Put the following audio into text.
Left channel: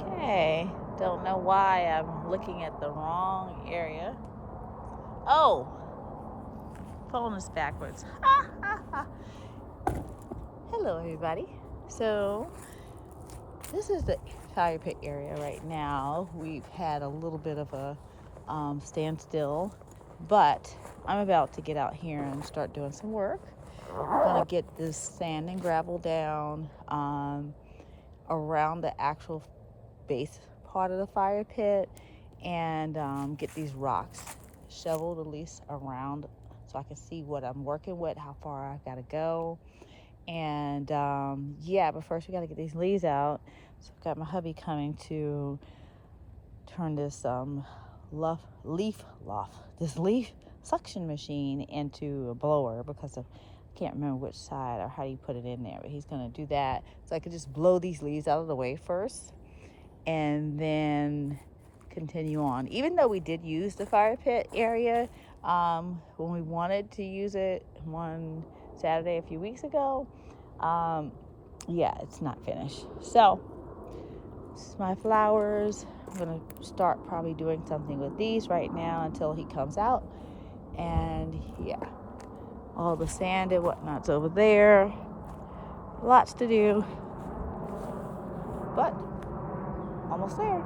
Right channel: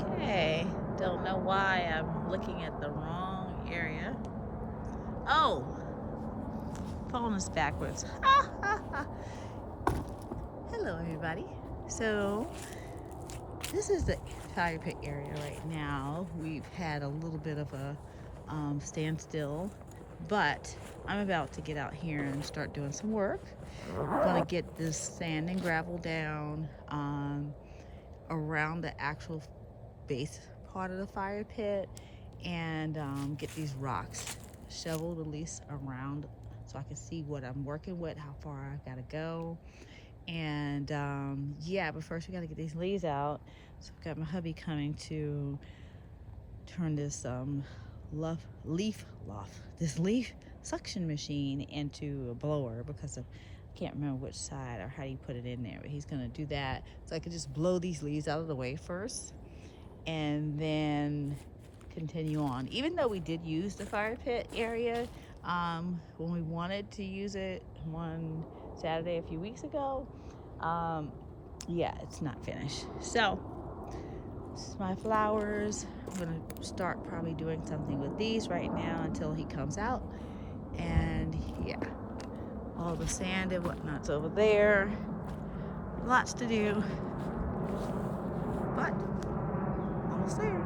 Okay, don't know why I'm looking at the wrong area. Oh, phone is backwards. Hello, everybody. So, this is the fire pit area right now. We've had a little bit of a standstill, but I'm about to get out here and start doing some work. I'm going to get this sand and gravel down around the actual base part of the fire pit and get these rocks shoveled at least around so I can see what I'm working with, how far I gotta go. And yeah, but first we gotta get these leaves out. So I've got my hubby coming to turn this leaf suction machine into a blower because I can't remember which side or how you put it in there, but he's gonna do that so I could just blow these leaves out of the way first and then continue on. Even though we did use the fire pit area when we wanted to use it one Saturday a few weeks ago, yeah, it's not finished. So this is my flowers. I'm gonna start probably doing something with these right now until he comes out. And yeah, all the sand and whatnot's over there. Lots to do, but almost there.